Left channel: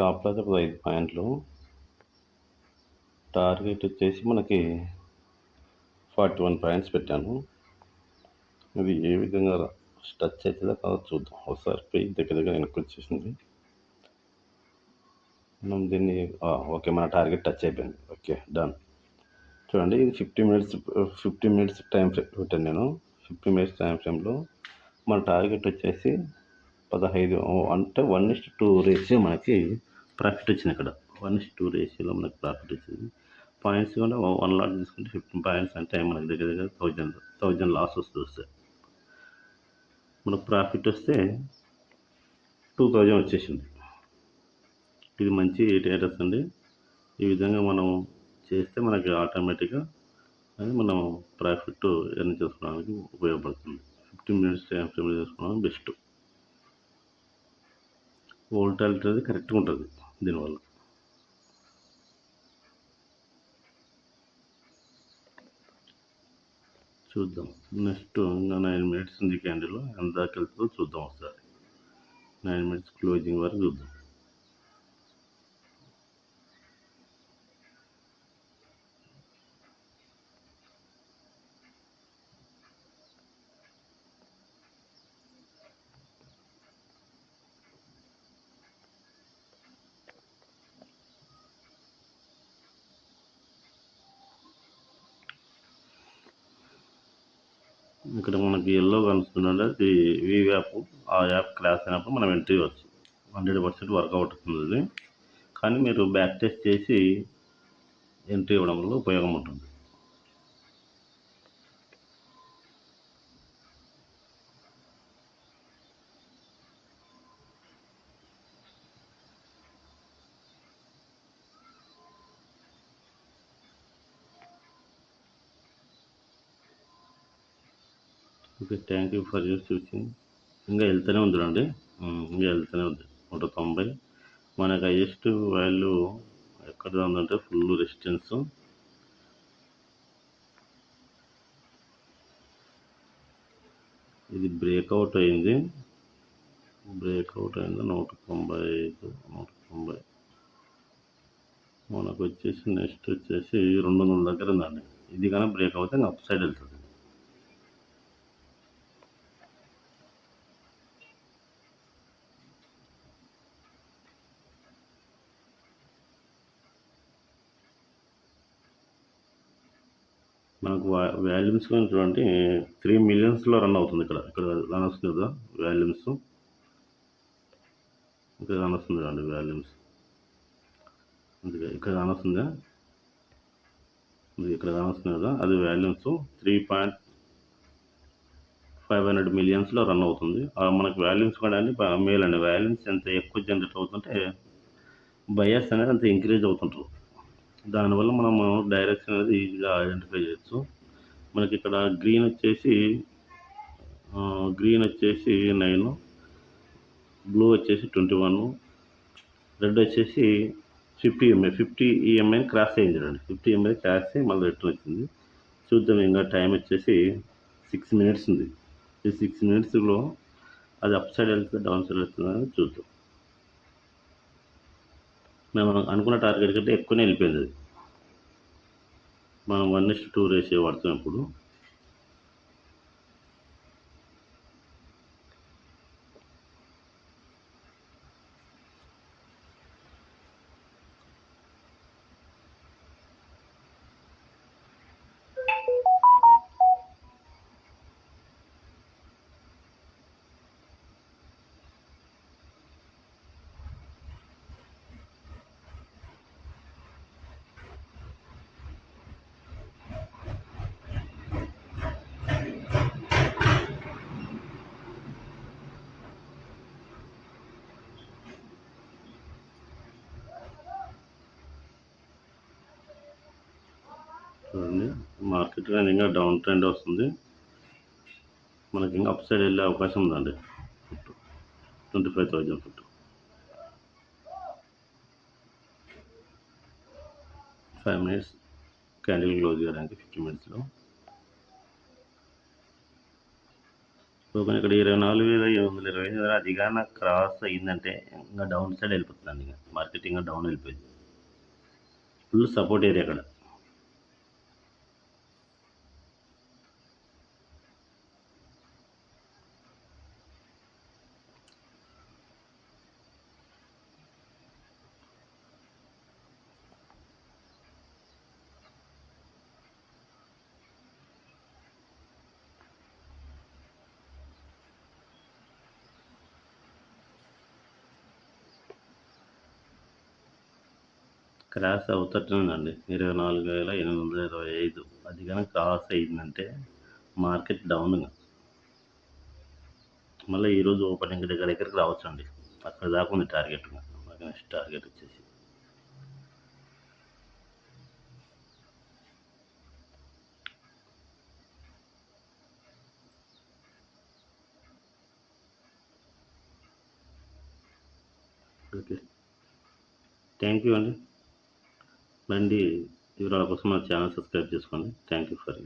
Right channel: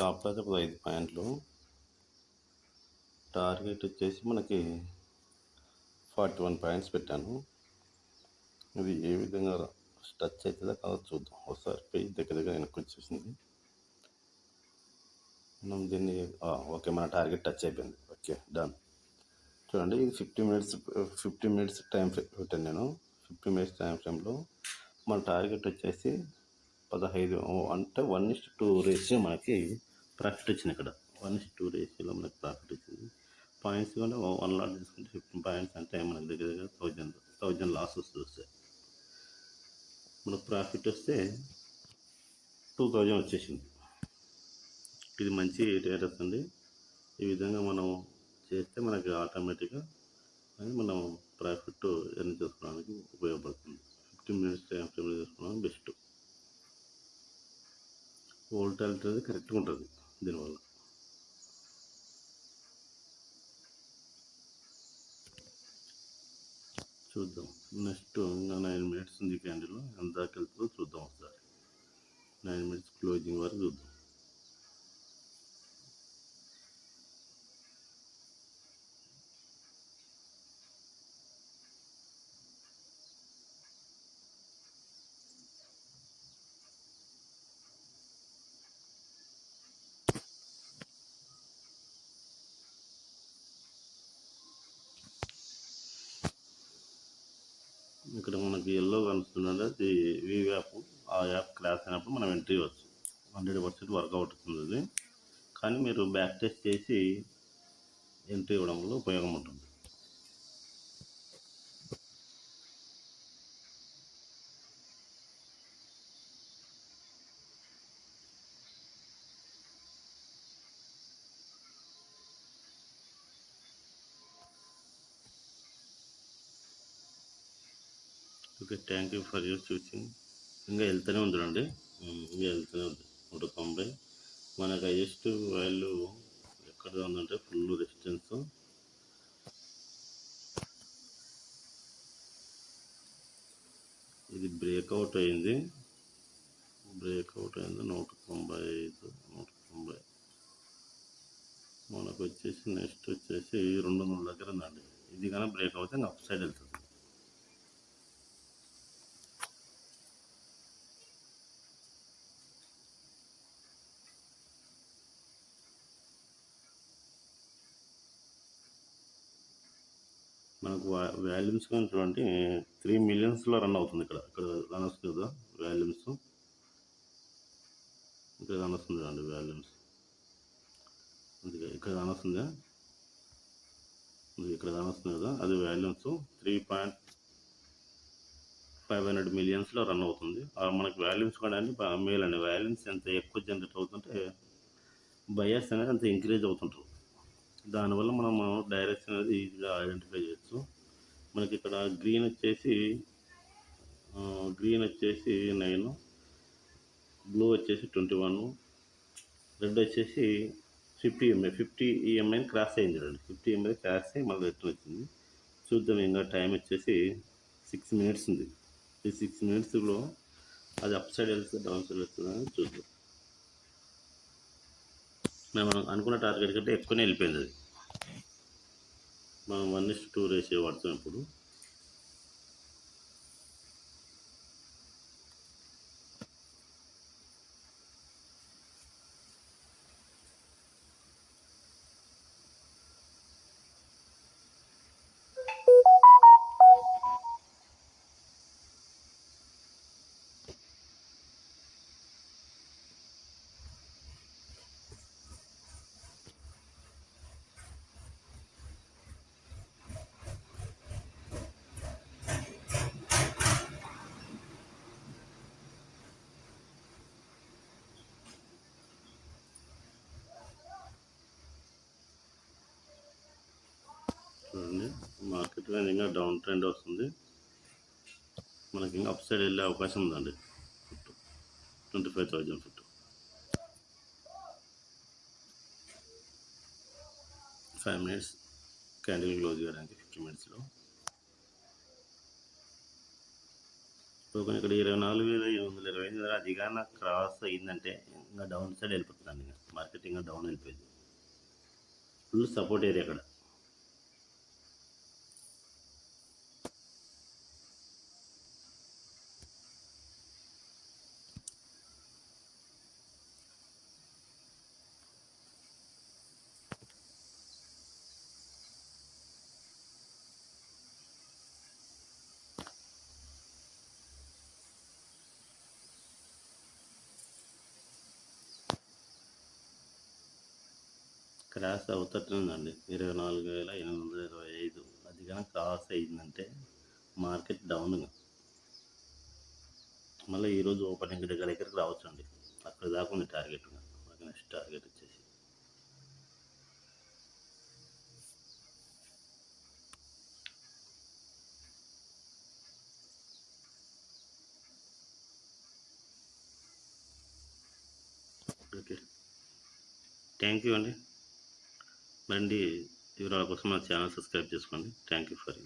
Stop loss ఒక 5 పాయింట్లు. Target వచ్చేసి మనకి 41 పాయింట్స్ పెట్టాను. ఇది ఏ విధంగా టచ్ అవుతుందో కాదో చూద్దాం. ఒకసారి పోయి దగ్గర వెనక్కి వచ్చేసింది. మనం దీన్ని ఓకే, మన టార్గెట్ టచ్ అయిపోయింది. Okay, done. చూడండి, ఇది 50 మినిట్స్ టైం ఫ్రేమ్ పెట్టాను నేను. 50 మినిట్స్ టైం ఫ్రేమ్లో మన టార్గెట్ వచ్చేసి 15, అంటే 1:2 రేషియో మనకి ప్రాఫిట్ వచ్చింది. ఇక్కడ 1:2 రేషియోలో మనకి ప్రాఫిట్ వచ్చింది. పాయింట్స్ కూడా 1 లాట్ తీసుకుంటే 15 పాయింట్స్ అంటే మనకి దగ్గర 1000 లాస్ వస్తుంది. మనకు ప్రాఫిట్ వస్తే 2000 వచ్చేసింది. ఇది మంచి స్టేటస్ అండి. ఈ విధంగా మనం చేస్తే మనకి ఆటోమేటిక్గా అది మనం ప్రాఫిట్ ఎర్న్ చేసుకోవడానికి ఉపయోగపడుతుంది. 15 మినిట్స్ టైం ఫ్రేమ్ చేసుకోవడానికి బెస్ట్. వోల్టాలిటీ అనేది కరెక్ట్గా ఉంటుంది దీనివల్ల. చూద్దాం. నెక్స్ట్ ఇంకా 9 మినిట్స్ ఉంది క్యాండిల్. ఎంత దాకా వెళ్తుందో చూద్దాం ఒకసారి. 9 మినిట్స్ క్లోజింగ్ వరకు చూద్దాం. ఇక్కడ మనకి ఎల్లో కనిపిస్తుందంటే అది వి యాప్. ఆ యాప్ క్రాష్ అయినప్పుడు మనం ఎంట్రీ ఇవ్వచ్చు. 100% వర్కౌట్ అవుతుంది. కానీ మీరు బ్యాక్ టెస్ట్ చేసి ఎంట్రీ ఇవ్వడం వల్ల ఉపయోగం ఉంటుంది. Okay, thank you for your choosing. ఇంకా వెళ్తూనే ఉంది చూడండి. ఇంకా వెళ్తూనే ఉంది. 190 మనకు హైయెస్ట్ వాల్యూ ఎక్కడ ఉందంటే ఫుల్ రెసిస్టెన్స్. ఇది బ్రేక్అవుట్ అయింది. 195, 190 మనకు వచ్చేసి నెక్స్ట్ వచ్చేసి 200 దగ్గర ఉందండి. ఇది కానీ బ్రేక్ అవుతే అప్ సైడ్ వెళ్తుంది. మనకు వాల్యూమ్స్ కానీ చూడండి 3 మిలియన్స్లో రన్ అవుతుంది. ఇక్కడ రన్ వస్తుంది కదా వాల్యూమ్స్. ఇక్కడ రన్ వస్తుంది చూడండి వాల్యూమ్స్. అందుకే ఇక్కడ రన్ వస్తుందా, ఇక్కడ రన్ వస్తుంది కదా, అది వాల్యూమ్స్ 3.500 మిలియన్స్లో రన్ అవుతుంది. మనకు వాల్యూమ్స్ కూడా అండి మేల్ అండి. వాల్యూమ్స్ ఎంత ఎక్కువ జనరేట్ అవుతుంటే బయర్స్ అనేది అంత ఇంక్రీజ్ అవుతుంటారు. దానివల్ల మనము డైరెక్షన్ అనేది ఈజీగా ఐడెంటిఫై చేయొచ్చు. మనకి ఇక్కడ గ్రీన్ వచ్చేసి 9, బ్లూ వచ్చేసి 21, రెడ్ వచ్చేసి 50 EMI క్రాస్ అయింది చూడండి. 50 EMI క్రాస్ అయ్యి మళ్ళీ రిటర్న్ వచ్చింది. చూద్దాం. ఇంకా టైం వచ్చేసి 6 మినిట్స్ ఉంది. ఈ 6 మినిట్స్లో అది అప్ సైడ్ వెళ్తుంది, డౌన్ సైడ్ వెళ్తుందని చూద్దాం. మేము అనుకున్న టార్గెట్ కంటే ఎక్కువనే వెళ్ళిపోయింది. మనం 1:2 రేషియో వాడుతాం ఇప్పుడు. చూడండి, మార్కెట్ కానీ ఇంకా డౌన్ ట్రెండ్ వస్తుంది. మనకి ఇంకా అప్ సైడ్ వెళ్ళే అవకాశం ఉందండి. 25,000 ఫుట్. 5 మినిట్స్ క్యాండిల్ క్లోజ్ చేయడానికి 50 మినిట్స్లో. ఓపెన్ ఇక్కడ 24,720 అది కానీ క్రాస్ అయిందంటే ఇంకా డౌన్ సైడ్ వెళ్ళిపోతుందండి. ఇంకా మార్కెట్ ఇంకా డౌన్ వెళ్ళిపోయింది. ఫుల్ సపోర్ట్ ఏరియా అక్కడ. క్రాస్ అవుతుందండి 24,825 అది కానీ క్రాస్ అయిందంటే మార్కెట్ డౌన్గా మళ్ళీ ఈరోజు ఓపెనింగ్ దగ్గరికి రావచ్చండి. అక్కడ దాకా ఉంది టార్గెట్. నెక్స్ట్ టార్గెట్ వచ్చేసి ఓకే. థ్యాంక్ యూ అండి. మళ్ళీ వివరాల కోసం మన ఛానల్ సబ్స్క్రైబ్ చేసుకోండి. Thank you for